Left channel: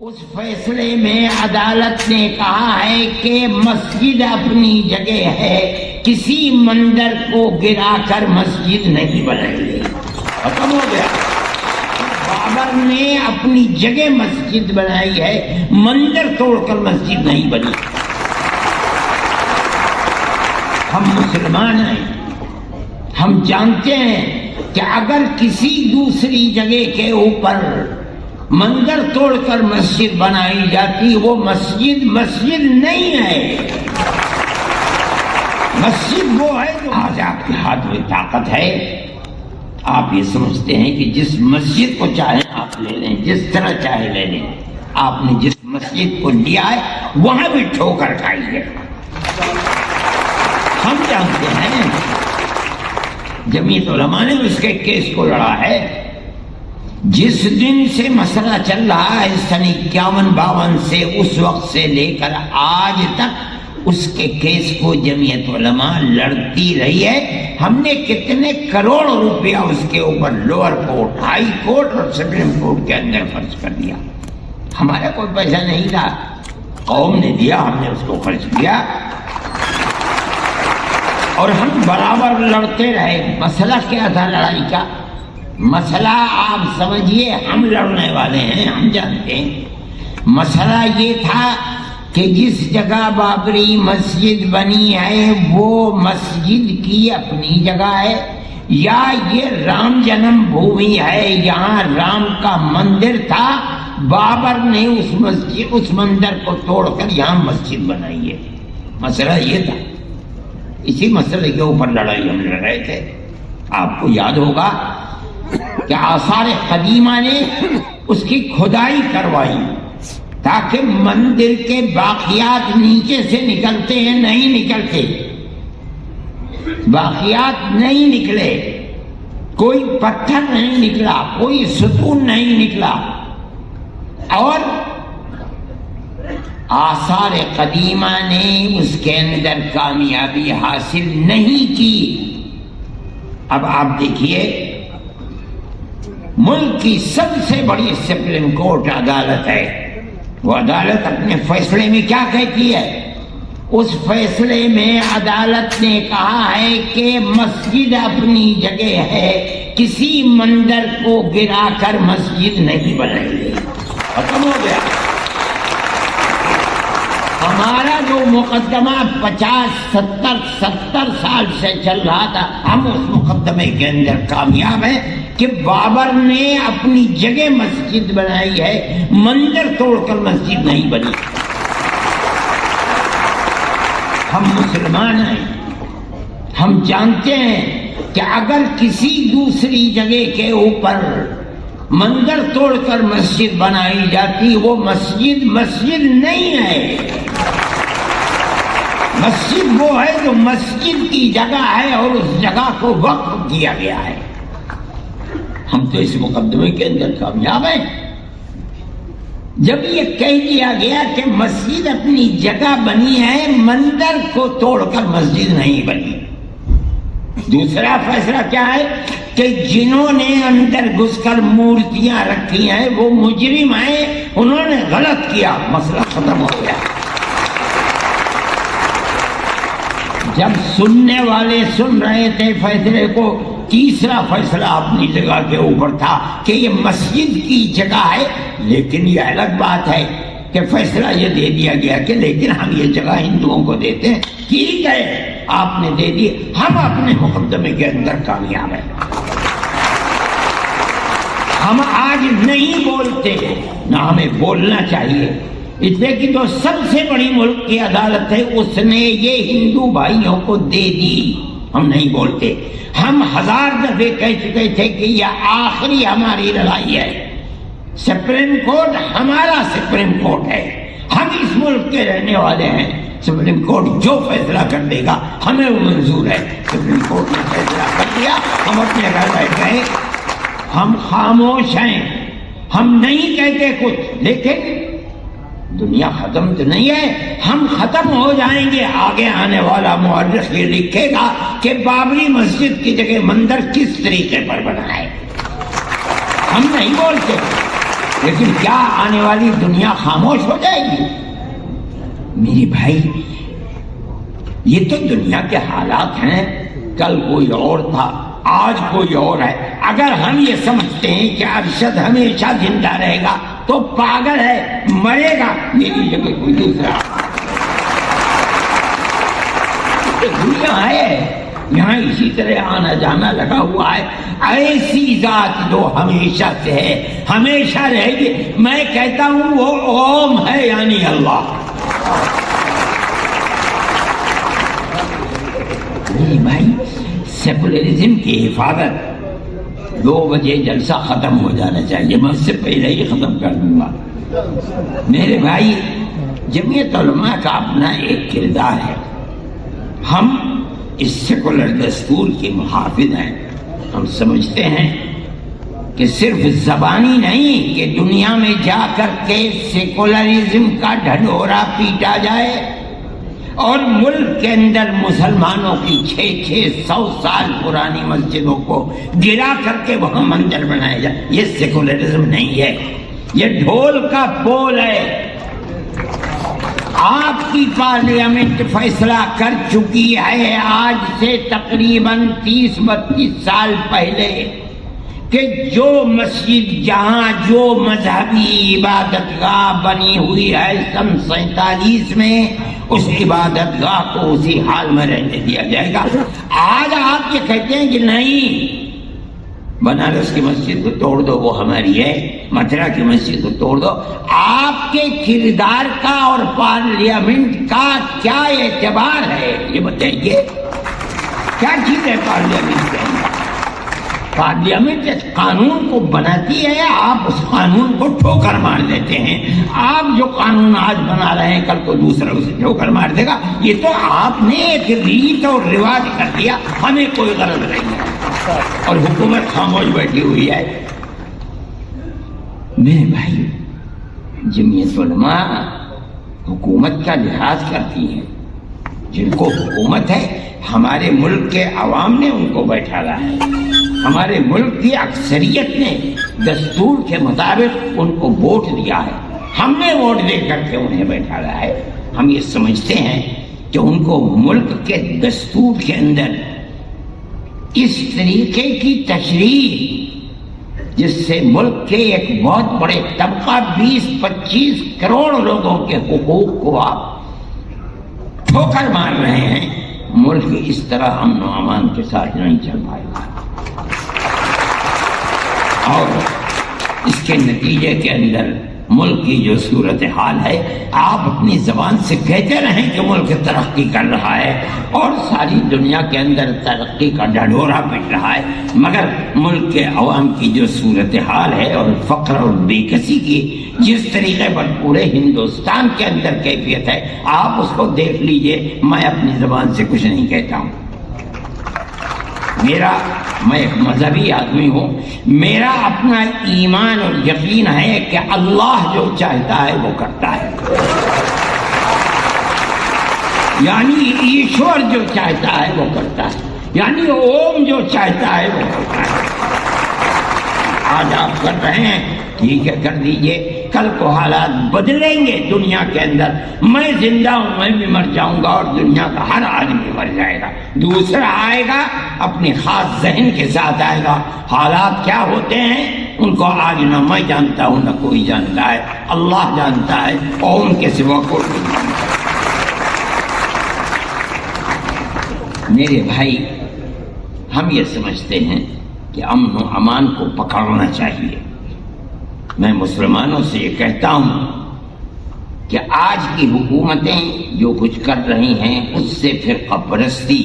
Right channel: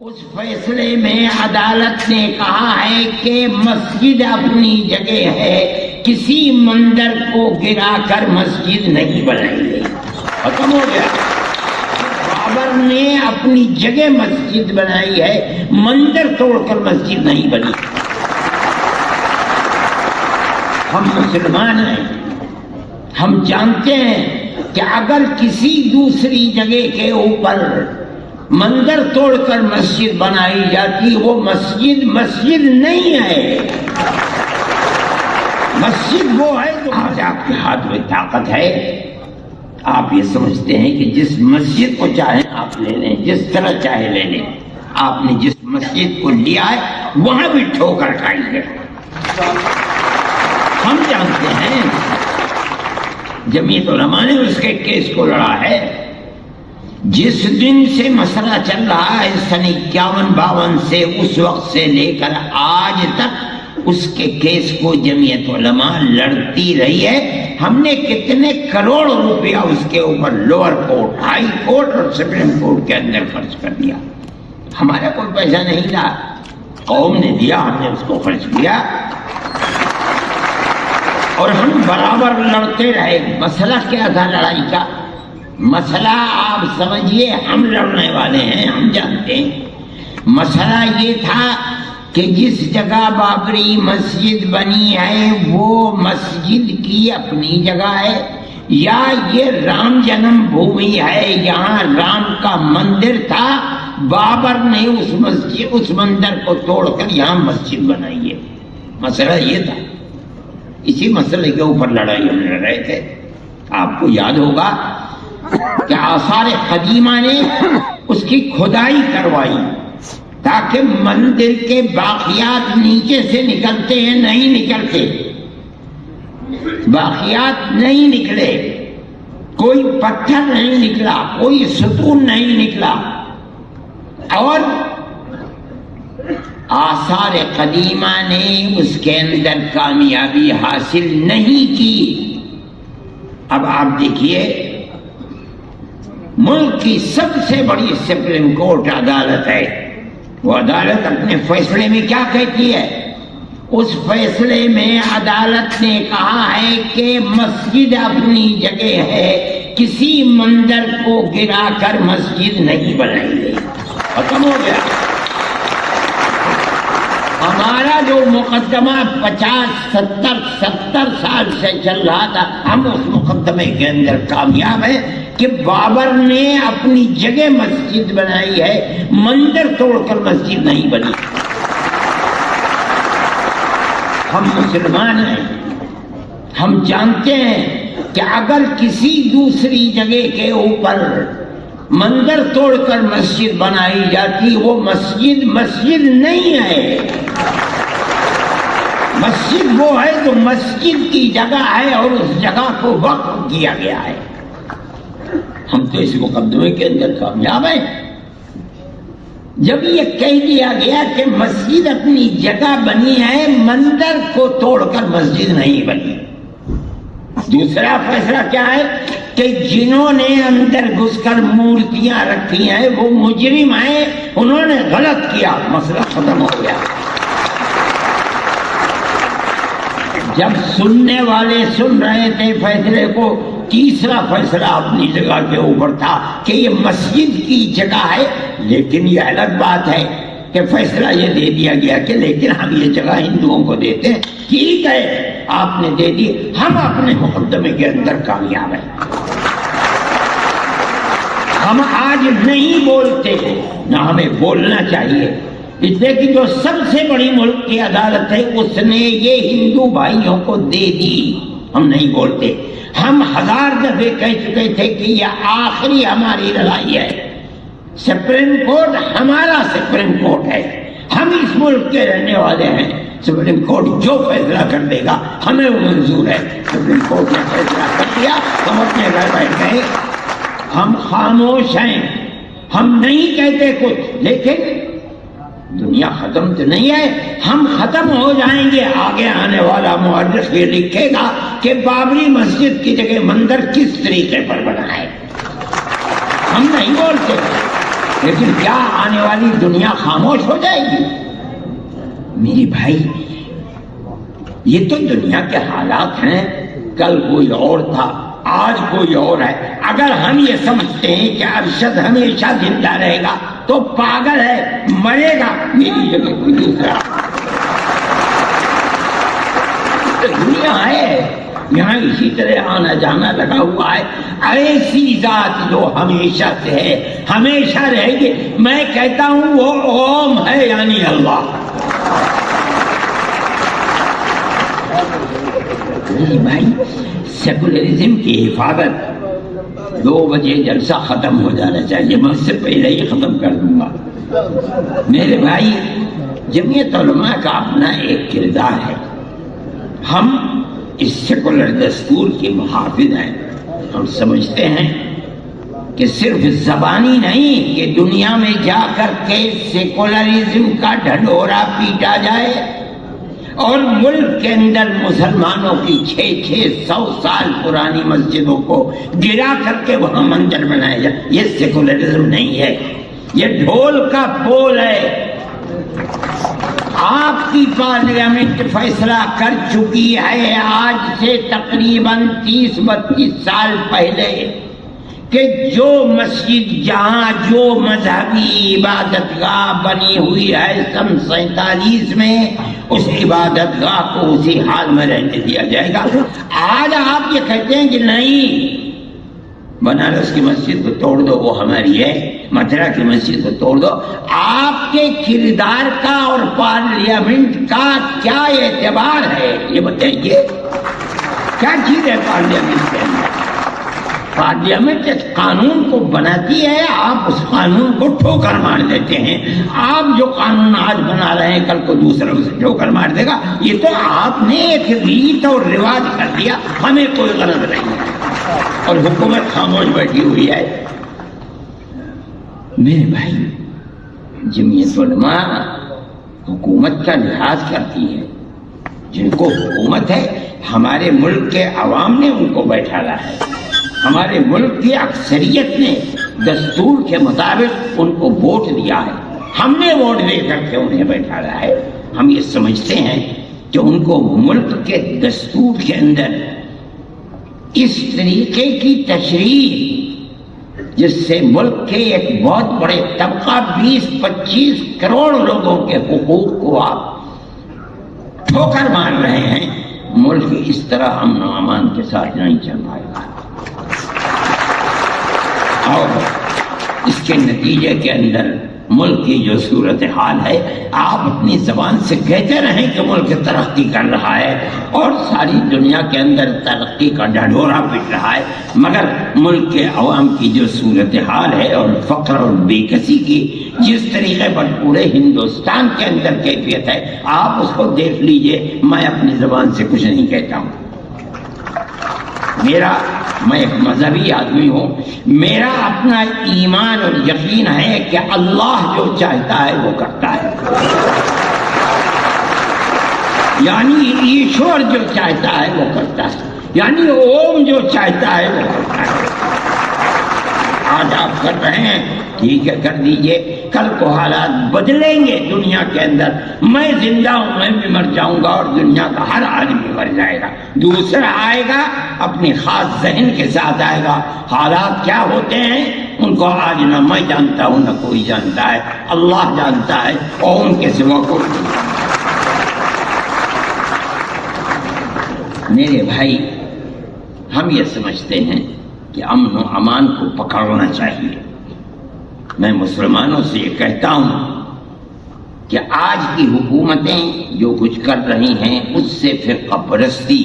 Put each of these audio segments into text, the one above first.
اس فیصلے میں عدالت نے کہا ہے کہ مسجد اپنی جگہ ہے، کسی مندر کو گرا کر مسجد نہیں بنائی گئی. ختم ہو گیا. بابر نے اپنی جگہ مسجد بنائی ہے، مندر توڑ کر مسجد نہیں بنی. ہم مسلمان ہیں، ہم جانتے ہیں کہ اگر کسی دوسری جگہ کے اوپر مندر توڑ کر مسجد بنائی جاتی وہ مسجد نہیں ہے. مسجد وہ ہے جو آج آپ کے ہاتھ میں طاقت ہے. آپ یہ سمجھتے ہیں کہ جس مسجد کو چاہیں آپ لے لیں، جس طرح چاہے لے لیں. آپ نے جس مسجد کو لیا ہے وہاں بھی ٹھوکر کھائی ہے. ہم جانتے ہیں جمعیت علماء نے اس کے کیس کو لڑا ہے. جس دن سے مسئلہ چل رہا ہے سن 51-52 سے، اس وقت سے لے کر آج تک اس کے کیس کو جمعیت علماء لڑتی رہی ہے. ہم نے کتنے کروڑ روپیہ اس کے اوپر لوور کورٹ، ہائی کورٹ اور سپریم کورٹ کے اندر خرچ کر دیا. ہمارا کوئی پیسہ نہیں تھا، قوم نے دیا، ہم نے اس کو خرچ کیا اور ہم برابر لڑتے رہے. مسئلہ کیا تھا لڑائی کا؟ مسئلہ آپ سمجھیے، ہم لڑنے والے ہیں، ہم جانتے ہیں. مسئلہ یہ تھا کہ جس جگہ بابری مسجد بنی ہے وہ مسجد کی اپنی جگہ ہے یا یہ رام جنم بھومی ہے، یہاں رام کا مندر تھا، بابر نے اس مندر کو توڑ کر یہاں مسجد بنائی ہے. مسئلہ یہ تھا. اسی مسئلے کے اوپر لڑائی ہم لڑ رہے تھے. آپ کو یاد ہوگا کہ آثار قدیمہ نے اس کی کھدائی کروائی تاکہ مندر کے باقیات نیچے سے نکلتے ہیں، نہیں نکلتے. باقیات نہیں نکلے، کوئی پتھر نہیں نکلا، کوئی ستون نہیں نکلا. اور آثار قدیمہ نے اس کے اندر کامیابی حاصل نہیں کی. اب آپ دیکھیے، ملک کی سب سے بڑی سپریم کورٹ عدالت ہے. وہ عدالت اپنے فیصلے میں کیا کہتی ہے؟ اس فیصلے میں عدالت نے کہا ہے کہ مسجد اپنی جگہ ہے، کسی مندر کو گرا کر مسجد نہیں بنائی گئی. ختم ہو گیا. ہمارا جو مقدمہ 50-70 سال سے چل رہا تھا، ہم اس مقدمے کے اندر کامیاب ہیں کہ بابر نے اپنی جگہ مسجد بنائی ہے، مندر توڑ کر مسجد نہیں بنی. ہم مسلمان ہیں، ہم جانتے ہیں کہ اگر کسی دوسری جگہ کے اوپر مندر توڑ کر مسجد بنائی جاتی وہ مسجد نہیں ہے. مسجد وہ ہے جو مسجد کی جگہ ہے اور اس جگہ کو وقف کیا گیا ہے. ہم تو اس مقدمے کے اندر کامیاب ہیں. جب یہ کہہ دیا گیا کہ مسجد اپنی جگہ بنی ہے، مندر کو توڑ کر مسجد نہیں بنی. دوسرا فیصلہ کیا ہے کہ جنہوں نے اندر گھس کر مورتیاں رکھی ہیں وہ مجرم ہیں، انہوں نے غلط کیا. مسئلہ ختم ہو گیا. جب سننے والے سن رہے تھے فیصلے کو، تیسرا فیصلہ اپنی جگہ کے اوپر تھا کہ یہ مسجد کی جگہ ہے. لیکن یہ الگ بات ہے کہ فیصلہ یہ دے دیا گیا کہ لیکن ہم یہ جگہ ہندوؤں کو دیتے ہیں. ٹھیک ہے، آپ نے دے دی، ہم اپنے مقدمے کے اندر کامیاب ہیں. ہم آج نہیں بولتے، نہ ہمیں بولنا چاہیے. اس لیے کہ جو سب سے بڑی ملک کی عدالت ہے اس نے یہ ہندو بھائیوں کو دے دی. ہم نہیں بولتے. ہم 1000 دفعے کہہ چکے تھے کہ یہ آخری ہماری لڑائی ہے. سپریم کورٹ ہمارا سپریم کورٹ ہے، ہم اس ملک کے رہنے والے ہیں. سپریم کورٹ جو فیصلہ کر دے گا ہمیں وہ منظور ہے. سپریم کورٹ نے فیصلہ کر دیا، ہم اپنے گھر بیٹھ گئے. ہم خاموش ہیں، ہم نہیں کہتے کچھ. لیکن دنیا ختم تو نہیں ہے، ہم ختم ہو جائیں گے. آگے آنے والا مورخ یہ لکھے گا کہ بابری مسجد کی جگہ مندر کس طریقے پر بنا ہے. ہم نہیں بولتے. لیکن کیا آنے والی دنیا خاموش ہو جائے گی؟ میری بھائی یہ تو دنیا کے حالات ہیں، کل کوئی اور تھا، آج کوئی اور ہے۔ اگر ہم یہ سمجھتے ہیں کہ ارشد ہمیشہ زندہ رہے گا تو پاگل ہے، مرے گا۔ میری جگہ کوئی دوسرا دنیا ہے، یہاں اسی طرح آنا جانا لگا ہوا ہے۔ ایسی ذات جو ہمیشہ سے ہے، ہمیشہ رہے گی۔ میں کہتا ہوں وہ اوم ہے، یعنی اللہ۔ میری بھائی سیکولرزم کی حفاظت 2 بجے جلسہ ختم ہو جانا چاہیے، میں اس سے پہلے ہی ختم کر دوں گا۔ میرے بھائی جمعیت علماء کا اپنا ایک کردار ہے، ہم اس سیکولر دستور کے محافظ ہیں۔ ہم سمجھتے ہیں کہ صرف زبانی نہیں کہ دنیا میں جا کر کے سیکولرزم کا ڈھڈورا پیٹا جائے اور ملک کے اندر مسلمانوں کی 600 سال پرانی مسجدوں کو گرا کر کے وہاں مندر بنایا جائے۔ یہ سیکولرزم نہیں ہے، یہ ڈھول کا بول ہے۔ آپ کی پارلیمنٹ فیصلہ کر چکی ہے آج سے تقریباً 30-32 سال پہلے کہ جو مسجد جہاں جو مذہبی عبادت گاہ بنی ہوئی ہے سن 47 میں، اس عبادت گاہ کو اسی حال میں رہنے دیا جائے گا۔ آج آپ یہ کہتے ہیں کہ نہیں، بنارس کی مسجد کو توڑ دو، وہ ہماری ہے، متھرا کی مسجد کو توڑ دو۔ آپ کے کردار کا اور پارلیمنٹ کا کیا اعتبار ہے یہ بتائیے؟ کیا چیز ہے پارلیمنٹ کے اندر؟ پارلیمنٹ اس قانون کو بناتی ہے، آپ اس قانون کو ٹھوکر مار دیتے ہیں۔ آپ جو قانون آج بنا رہے ہیں کل کو دوسرا اسے ٹھوکر مار دے گا۔ یہ تو آپ نے ایک ریت اور رواج کر دیا، ہمیں کوئی غرض نہیں ہے اور حکومت خاموش بیٹھی ہوئی ہے۔ میرے بھائی جمعیت علماء حکومت کا لحاظ کرتی ہے، جن کو حکومت ہے ہمارے ملک کے عوام نے ان کو بیٹھایا ہے، ہمارے ملک کی اکثریت نے دستور کے مطابق ان کو ووٹ دیا ہے، ہم نے ووٹ دے کر کے انہیں بیٹھایا ہے۔ ہم یہ سمجھتے ہیں کہ ان کو ملک کے دستور کے اندر اس طریقے کی تشریح جس سے ملک کے ایک بہت بڑے طبقہ 20-25 کروڑ لوگوں کے حقوق کو آپ ٹھوکر مار رہے ہیں، ملک اس طرح امن و امان کے ساتھ نہیں چل پائے گا۔ اور اس کے نتیجے کے اندر ملک کی جو صورتحال ہے، آپ اپنی زبان سے کہتے رہیں کہ ملک ترقی کر رہا ہے اور ساری دنیا کے اندر ترقی کا ڈھڈورا پٹ رہا ہے، مگر ملک کے عوام کی جو صورتحال ہے اور فقر اور بے کسی کی جس طریقے پر پورے ہندوستان کے اندر کیفیت ہے، آپ اس کو دیکھ لیجئے۔ میں اپنی زبان سے کچھ نہیں کہتا ہوں، میں ایک مذہبی آدمی ہوں، میرا اپنا ایمان اور یقین ہے کہ اللہ جو چاہتا ہے وہ کرتا ہے، یعنی ایشور جو چاہتا ہے وہ کرتا ہے، یعنی اوم جو چاہتا ہے وہ کرتا ہے۔ آج آپ کر رہے ہیں، ٹھیک ہے کر دیجئے، کل کو حالات بدلیں گے دنیا کے اندر، میں زندہ ہوں، میں بھی مر جاؤں گا اور دنیا کا ہر آدمی مر جائے گا، دوسرا آئے گا اپنی خاص ذہن کے ساتھ آئے گا۔ حالات کیا ہوتے ہیں ان کو آج نہ میں جانتا ہوں نہ کوئی جانتا ہے، اللہ جانتا ہے، اور ان کے سوا کوئی نہیں جانتا۔ میرے بھائی ہم یہ سمجھتے ہیں کہ امن و امان کو پکڑنا چاہیے۔ میں مسلمانوں سے یہ کہتا ہوں کہ آج کی حکومتیں جو کچھ کر رہی ہیں اس سے فرقہ پرستی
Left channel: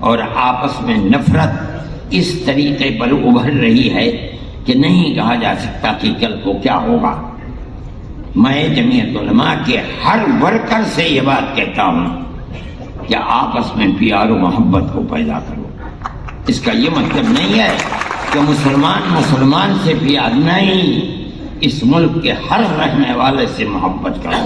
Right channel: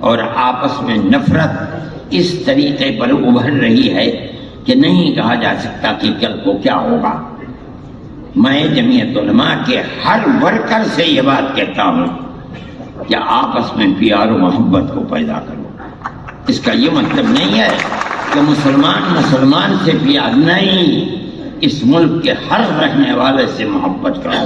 اور آپس میں نفرت اس طریقے پر ابھر رہی ہے کہ نہیں کہا جا سکتا کہ کل کو کیا ہوگا۔ میں جمعیت علماء کے ہر ورکر سے یہ بات کہتا ہوں کہ آپس میں پیار و محبت کو پیدا کرو۔ اس کا یہ مطلب نہیں ہے کہ مسلمان سے پیار نہیں، اس ملک کے ہر رہنے والے سے محبت کرو،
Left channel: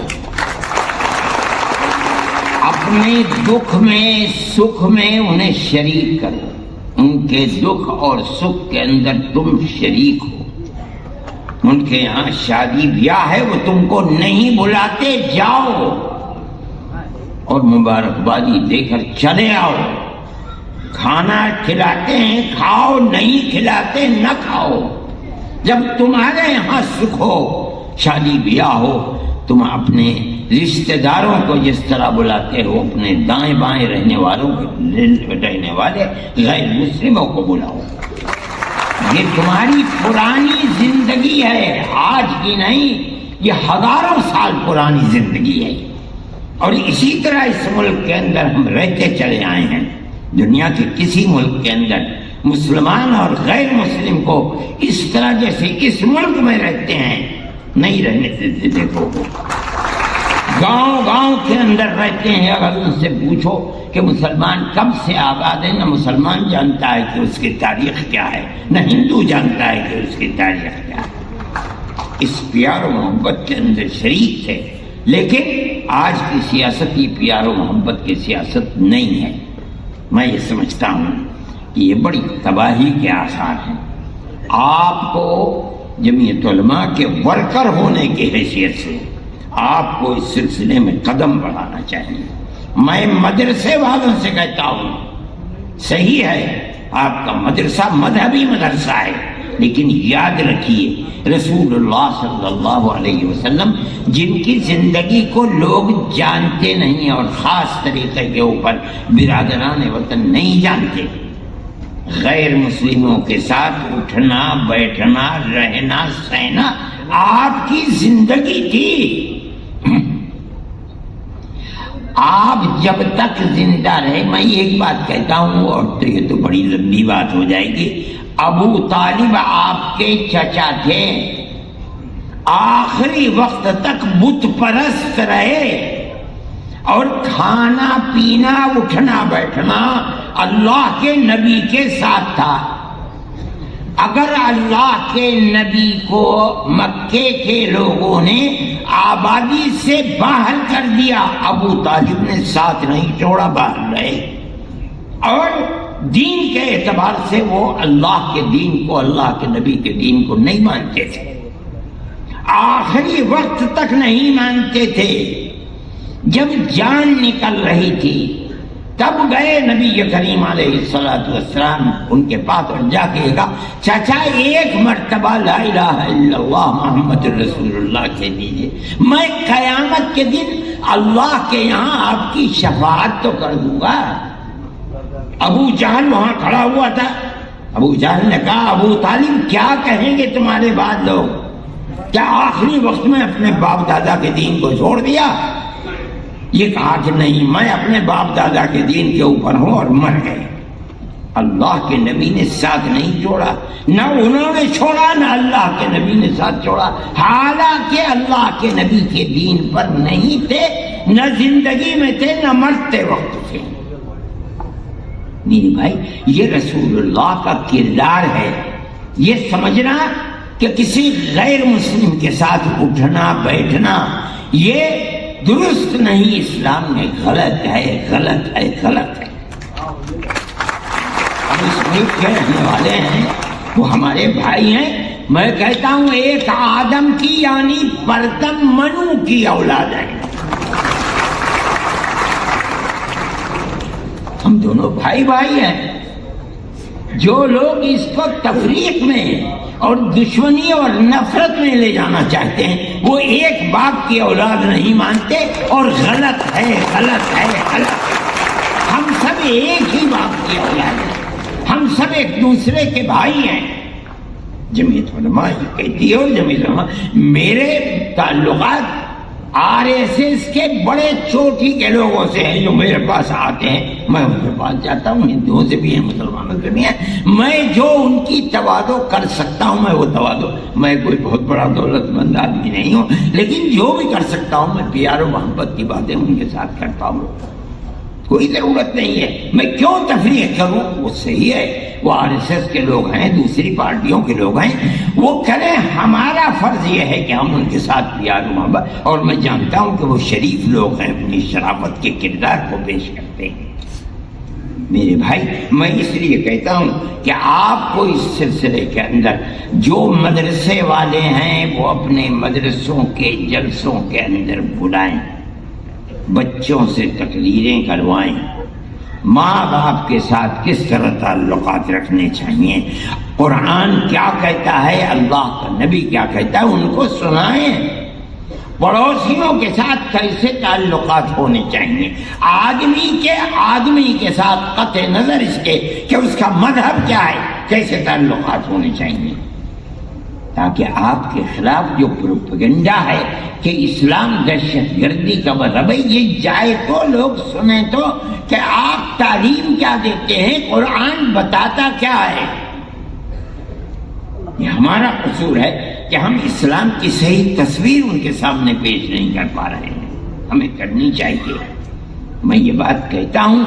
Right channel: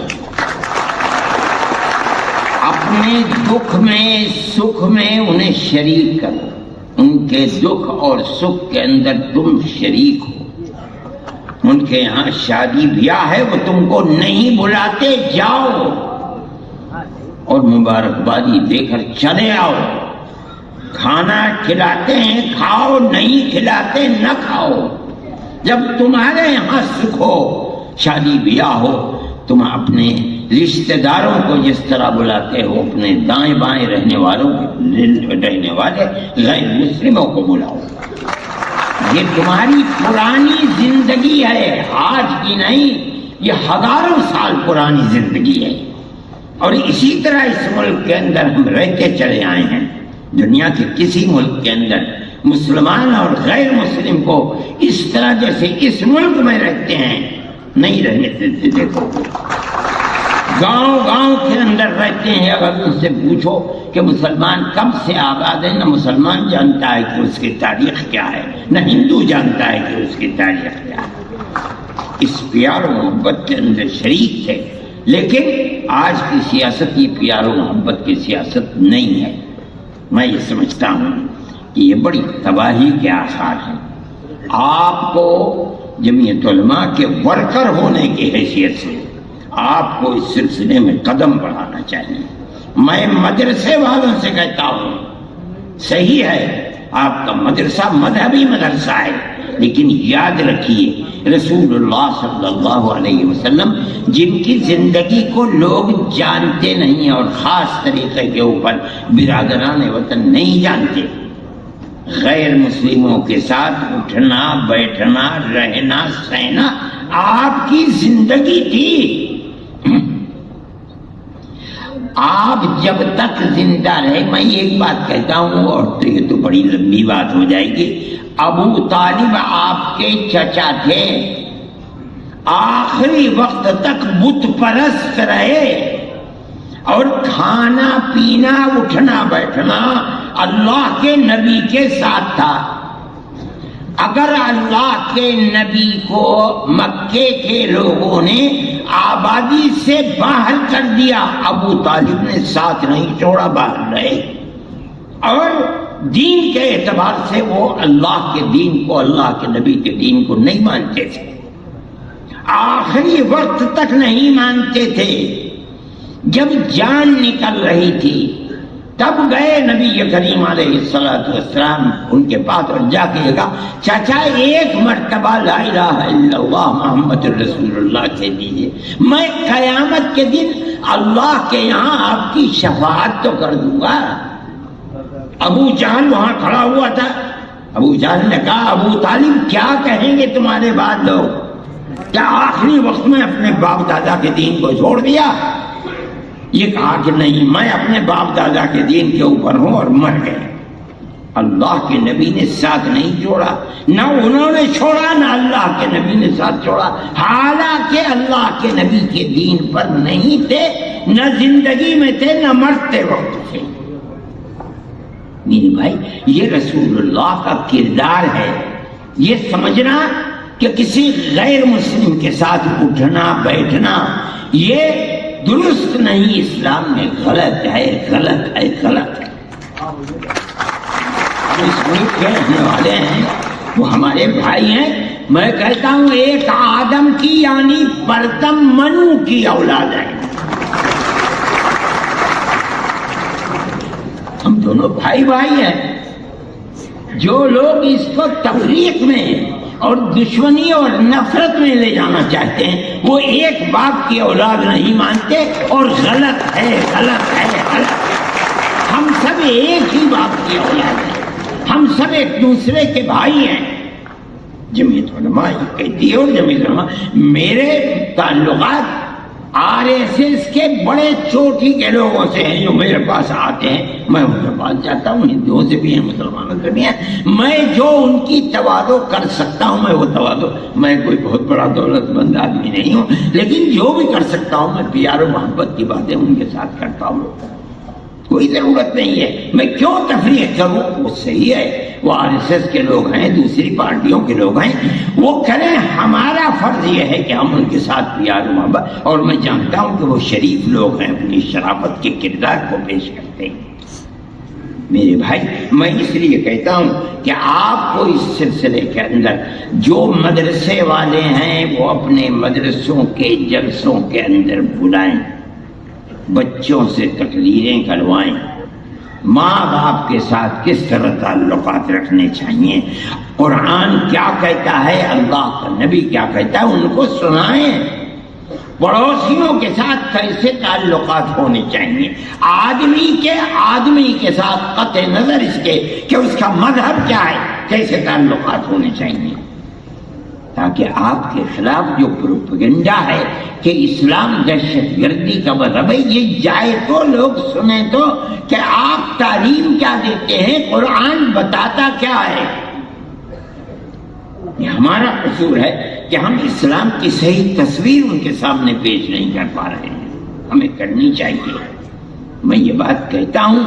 اپنے دکھ میں سکھ میں انہیں شریک کرو، ان کے دکھ اور سکھ کے اندر تم شریک ہو۔ ان کے یہاں شادی بیاہ ہے، وہ تم کو نہیں بلاتے، جاؤ اور مبارکبادی دے کر چلے آؤ۔ کھانا کھلاتے ہیں کھاؤ، نہیں کھلاتے نہ کھاؤ۔ جب تمہارے یہاں سکھ ہو، شادی بیاہ ہو، تم اپنے رشتہ داروں کو جس طرح بلاتے ہو، اپنے دائیں بائیں رہنے والوں رہنے والے غیر مسلموں کو بلاؤ۔ یہ تمہاری پرانی زندگی ہے، آج کی نہیں، یہ ہزاروں سال پرانی زندگی ہے، اور اسی طرح اس ملک کے اندر ہم رہتے چلے آئے ہیں۔ دنیا کے کسی ملک کے اندر مسلمان اور غیر مسلم کو اس طرح جیسے اس ملک میں رہتے ہیں نہیں رہنے دیتے۔ دیکھو گاؤں گاؤں کے اندر رہتے ہیں، اگر ان سے پوچھو کہ مسلمان کب سے آباد ہے، نہ مسلمان جانتا ہے کہ اس کی تاریخ کیا ہے، نہ ہندو جانتا ہے کہ اس کی تاریخ کیا ہے۔ اس پیار و محبت کے اندر شریک تھے، لیکن آج کی سیاست یہ پیار و محبت کی سیاست نہیں ہے۔ میں یہ سمجھتا ہوں کہ یہ بڑی تباہی کے آثار ہیں۔ آپ کو جمعیت علماء کے ورکر ہونے کی حیثیت سے آپ کو اس سلسلے میں قدم بڑھانا چاہیے۔ میں مدرسے والوں سے کہتا ہوں، صحیح ہے آپ کا مدرسہ مذہبی مدرسہ ہے، لیکن یاد رکھیے رسول اللہ صلی اللہ علیہ وسلم جن کی زندگی کو لوگ جانتے نہیں اور خاص طریقے کے اوپر برادران وطن نہیں جانتے، غیر مسلموں کے ساتھ اٹھنا بیٹھنا رہنا سہنا آپ کی زندگی تھی۔ آپ جب تک زندہ رہے، میں ایک بات کہتا ہوں اور تو یہ تو بڑی لمبی بات ہو جائے گی، ابو طالب آپ کے چچا تھے، آخری وقت تک بت پرست رہے، اور کھانا پینا اٹھنا بیٹھنا اللہ کے نبی کے ساتھ تھا۔ اگر اللہ کے نبی کو مکے کے لوگوں نے آبادی سے باہر کر دیا، ابو طالب نے ساتھ نہیں چھوڑا، باہر رہے، اور دین کے اعتبار سے وہ اللہ کے دین کو، اللہ کے نبی کے دین کو نہیں مانتے تھے، آخری وقت تک نہیں مانتے تھے۔ جب جان نکل رہی تھی تب گئے نبی کریم علیہ السلام ان کے پاس اور جا کے کہا، چاچا ایک مرتبہ لا الہ الا اللہ محمد رسول اللہ کہہ دیجیے، میں قیامت کے دن اللہ کے یہاں آپ کی شفاعت تو کر دوں گا۔ ابو جہل وہاں کھڑا ہوا تھا، ابو جہل نے کہا، ابو طالب کیا کہیں گے تمہارے بعد لوگ، کیا آخری وقت میں اپنے باپ دادا کے دین کو چھوڑ دیا؟ یہ کہا کہ نہیں، میں اپنے باپ دادا کے دین کے اوپر ہوں، اور مر گئے۔ اللہ کے نبی نے ساتھ نہیں چھوڑا، نہ انہوں نے چھوڑا نہ اللہ کے نبی نے ساتھ چھوڑا، حالانکہ اللہ کے نبی کے دین پر نہیں تھے، نہ زندگی میں تھے نہ مرتے وقت تھے۔ میرے بھائی یہ رسول اللہ کا کردار ہے۔ یہ سمجھنا کہ کسی غیر مسلم کے ساتھ اٹھنا بیٹھنا یہ درست نہیں، اسلام میں غلط ہے، غلط ہے، غلط ہے۔ ہم اس ملک کے رہنے والے ہیں، وہ ہمارے بھائی ہیں۔ میں کہتا ہوں ایک آدم کی یعنی پرتم منو کی اولاد ہے، ہم دونوں بھائی بھائی ہیں۔ جو لوگ اس کو تفریق میں اور دشمنی اور نفرت میں لے جانا چاہتے ہیں، وہ ایک باپ کی اولاد نہیں مانتے، اور غلط ہے، غلط ہے، غلط ہے۔ ہم سب ایک ہی باپ کی اولاد ہیں، ہم سب ایک دوسرے کے بھائی ہیں۔ جمعیت علماء یہ کہتی ہے، اور جمعیت علماء میرے تعلقات RSS کے بڑے چوٹی کے لوگوں سے ہیں جو میرے پاس آتے ہیں، میں ان کے پاس جاتا ہوں، ہندوؤں سے بھی ہیں، مسلمانوں سے بھی ہیں، میں جو ان کی تواضع کر سکتا ہوں میں وہ تواضع، میں کوئی بہت بڑا دولت مند آدمی نہیں ہوں، لیکن جو بھی کر سکتا ہوں میں پیار و محبت کی باتیں ان کے ساتھ کرتا ہوں۔ کوئی ضرورت نہیں ہے میں کیوں تفریق کروں، وہ صحیح ہے، وہ RSS کے لوگ ہیں، دوسری پارٹیوں کے لوگ ہیں، وہ کریں، ہمارا فرض یہ ہے کہ ہم ان کے ساتھ پیار و محبت، اور میں جانتا ہوں کہ وہ شریف لوگ ہیں، اپنی شرافت کے کردار کو پیش کرتے ہیں۔ میرے بھائی میں اس لیے کہتا ہوں کہ آپ کو اس سلسلے کے اندر جو مدرسے والے ہیں وہ اپنے مدرسوں کے جلسوں کے اندر بلائیں، بچوں سے تقریریں کروائیں، ماں باپ کے ساتھ کس طرح تعلقات رکھنے چاہیے، قرآن کیا کہتا ہے، اللہ کا نبی کیا کہتا ہے، ان کو سنائیں، پڑوسیوں کے ساتھ کیسے تعلقات ہونے چاہیے، آدمی کے ساتھ قطع نظر اس کے کہ اس کا مذہب کیا ہے کیسے تعلقات ہونے چاہیے، تاکہ آپ کے خلاف جو پروپیگنڈا ہے کہ اسلام دہشت گردی کا مذہب ہے یہ جائے تو لوگ سنیں تو کہ آپ تعلیم کیا دیتے ہیں، قرآن بتاتا کیا ہے۔ یہ ہمارا قصور ہے کہ ہم اسلام کی صحیح تصویر ان کے سامنے پیش نہیں کر پا رہے ہیں، ہمیں کرنی چاہیے۔ میں یہ بات کہتا ہوں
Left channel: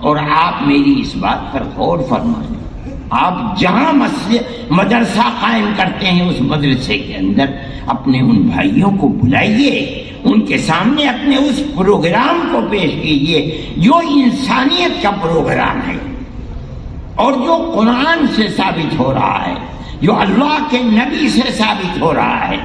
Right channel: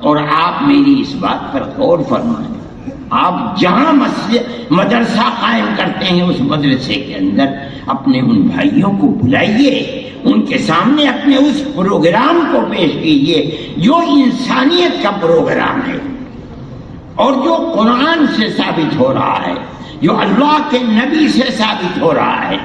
اور آپ میری اس بات پر غور فرمائیں، آپ جہاں مدرسہ قائم کرتے ہیں اس مدرسے کے اندر اپنے ان بھائیوں کو بلائیے، ان کے سامنے اپنے اس پروگرام کو پیش کیجیے جو انسانیت کا پروگرام ہے اور جو قرآن سے ثابت ہو رہا ہے، جو اللہ کے نبی سے ثابت ہو رہا ہے،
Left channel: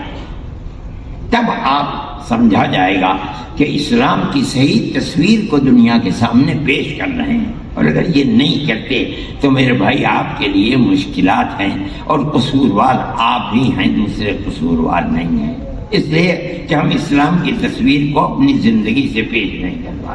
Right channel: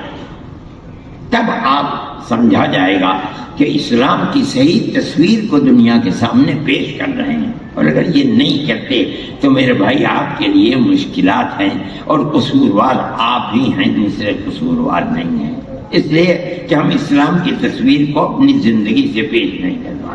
تب آپ سمجھا جائے گا کہ اسلام کی صحیح تصویر کو دنیا کے سامنے پیش کر رہے ہیں۔ اور اگر یہ نہیں کرتے تو میرے بھائی آپ کے لیے مشکلات ہیں، اور قصوروار آپ ہی ہیں، دوسرے قصوروار نہیں ہیں، اس لیے کہ ہم اسلام کی تصویر کو اپنی زندگی سے پیش نہیں کر رہے۔